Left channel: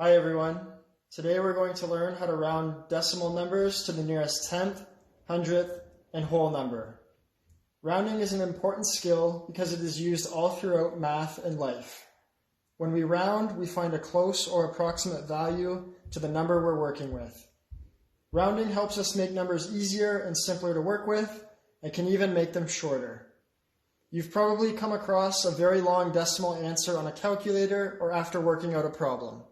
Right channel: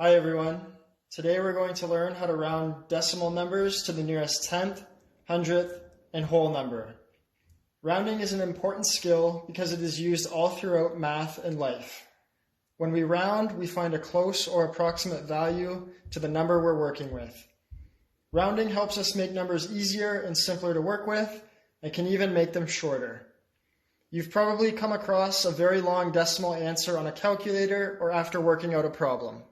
Hi everyone. Today we're going to learn how to round decimal numbers to the nearest tenth, hundredth, and whole number. Rounding is an important skill because it is used all throughout math and life. When we round, we find a close or approximate value to the number we're working with. Rounding helps us make numbers easier and simpler to work with, and can even make them shorter. You've probably come across a very long decimal answer on a calculator or after working out a problem.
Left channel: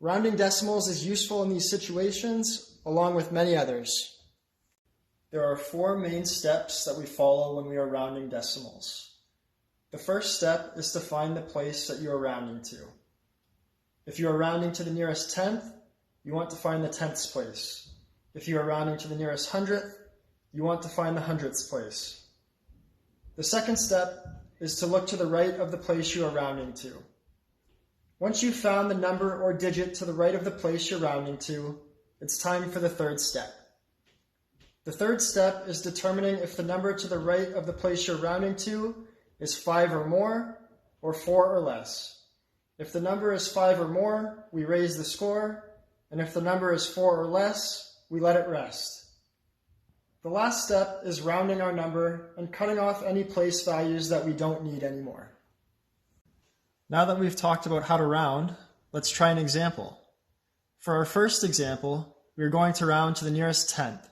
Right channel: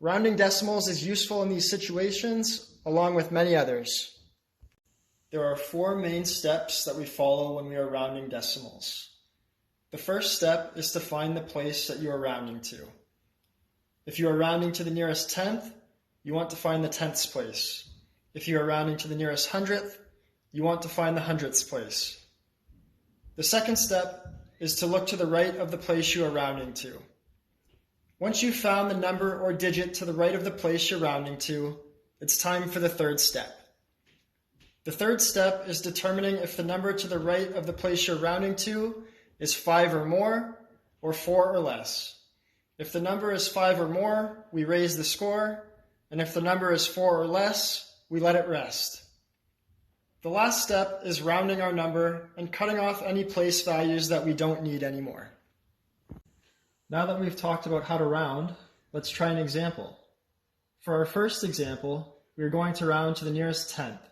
Rounding decimals is useful in these situations, along with many others. There are four main steps that we follow when we are rounding decimals. The first step is to find the place that you are rounding to. If you are rounding to the nearest tenth, you want to find the tenths place. If you are rounding to the nearest hundredth, you want to find the hundredths place. The second step is to look to the right of the place you are rounding to. Once you've found the number or digit to the right of the place you're rounding to, it's time for the third step. The third step is determining if the number to the right of the place you're rounding to is 5 or more, or 4 or less. If the number is 5 or more, we raise the score, and if the number is 4 or less, we let it rest. The last step is rounding our number and cutting off any place values that we don't need anymore. Now that we've talked about how to round, let's try an example. For our first example, we are going to round to the nearest tenth.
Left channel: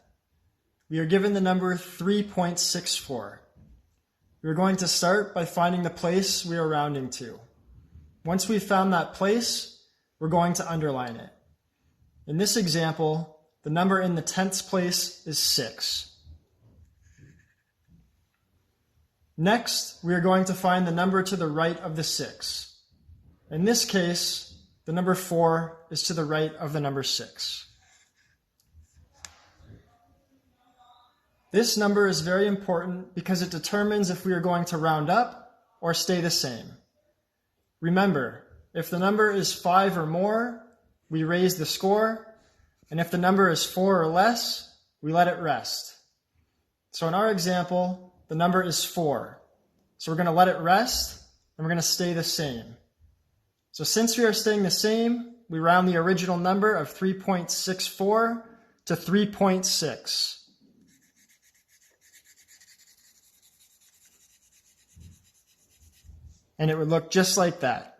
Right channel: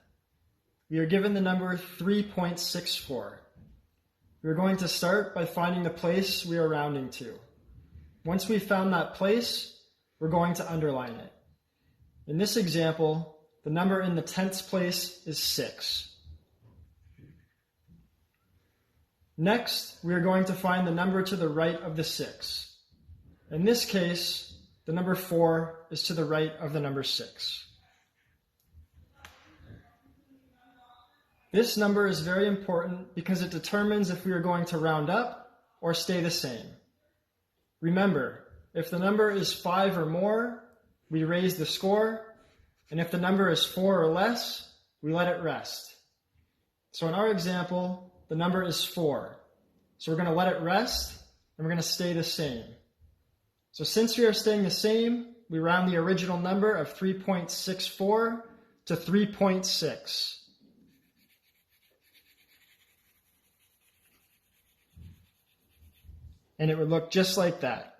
We are given the number 3.64. We are going to start by finding the place we are rounding to. Once we've found that place, we're going to underline it. In this example, the number in the tenths place is 6. Next, we are going to find the number to the right of the 6. In this case, the number 4 is to the right of the number 6. This number is very important because it determines if we are going to round up or stay the same. Remember, if the number is 5 or more, we raise the score, and if the number is 4 or less, we let it rest. So in our example, the number is 4. So we're going to let it rest, and we're going to stay the same. So since we are staying the same, we round the original number of 3.64 to 3.6. And it would look just like that.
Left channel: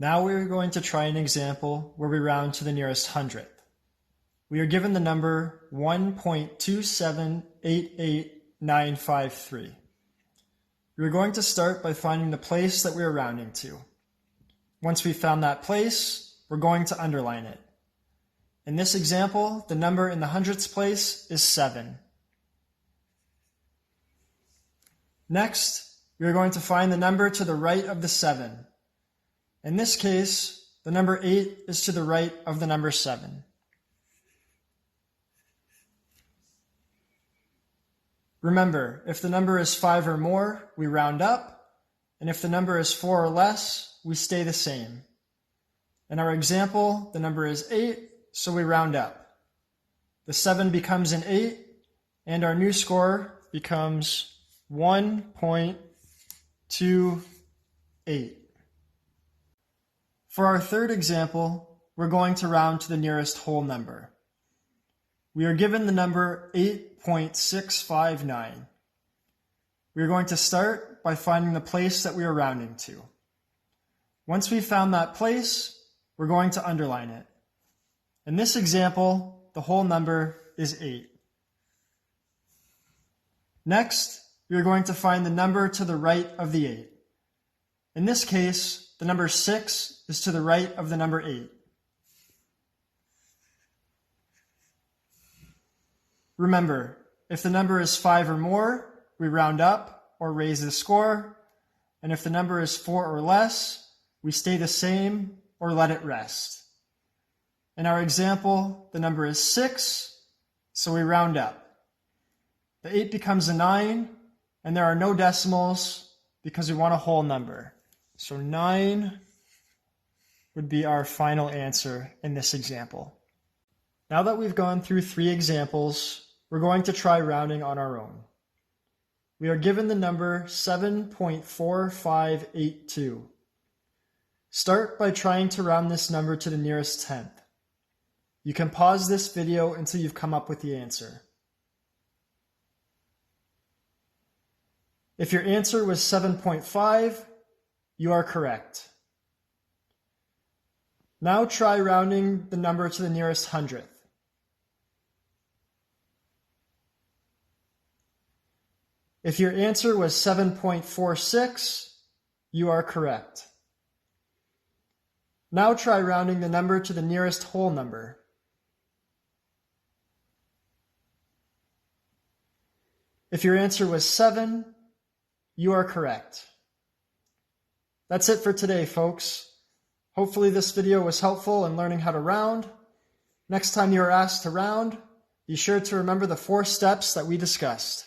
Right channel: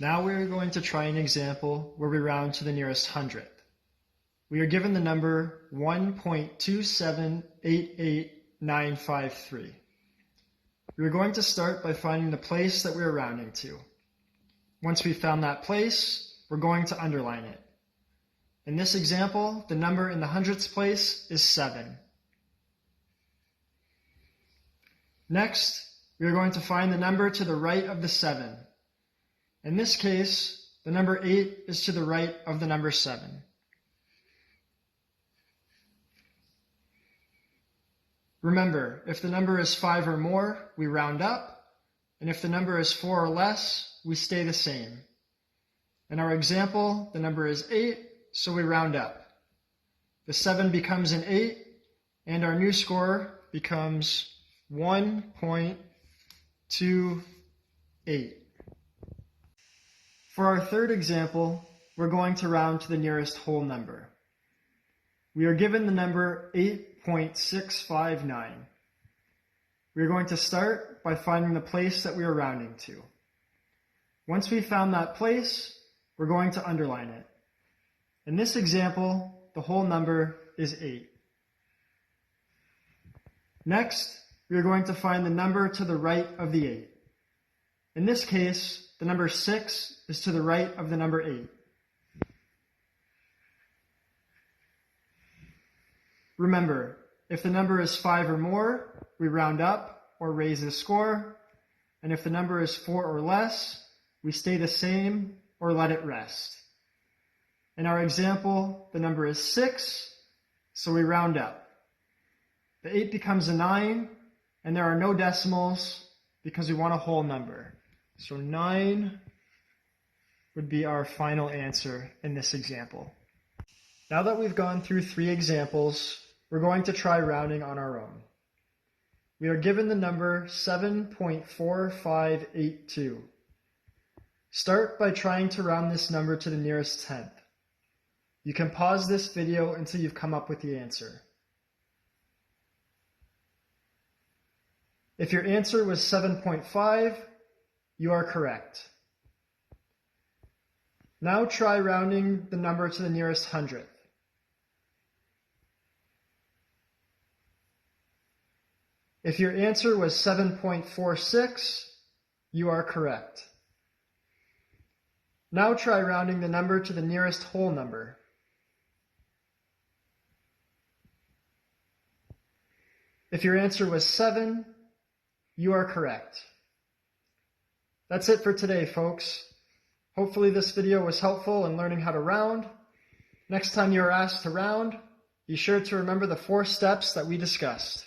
Now we're going to try an example where we round to the nearest hundredth. We are given the number 1.2788953. We are going to start by finding the place that we are rounding to. Once we've found that place, we're going to underline it. In this example, the number in the hundredths place is 7. Next, we are going to find the number to the right of the 7. In this case, the number 8 is to the right of the number 7. Remember, if the number is 5 or more, we round up, and if the number is 4 or less, we stay the same. In our example, the number is 8, so we round up. The 7 becomes an 8, and our new score becomes 1.28. For our third example, we're going to round to the nearest whole number. We are given the number 8.659. We are going to start by finding the place that we are rounding to. Once we've found that place, we're going to underline it. In this example, the whole number is 8. Next, we are going to find the number to the right of the 8. In this case, the number 6 is to the right of the number 8. Remember, if the number is 5 or more, we round up or raise the score, and if the number is 4 or less, we stay the same or let it rest. In our example, the number is 6, so we round up. The 8 becomes a 9, and there are no decimals because we want a whole number. So 9 would be our final answer in this example. Now that we've gone through 3 examples, we're going to try rounding on our own. We are given the number 7.4582. Start by trying to round this number to the nearest tenth. You can pause this video until you've come up with the answer. If your answer was 7.5, you are correct. Now try rounding the number to the nearest hundredth. If your answer was 7.46, you are correct. Now try rounding the number to the nearest whole number. If your answer was 7, you are correct. That's it for today, folks. Hopefully this video was helpful in learning how to round. Next time you are asked to round, be sure to remember the 4 steps that we discussed.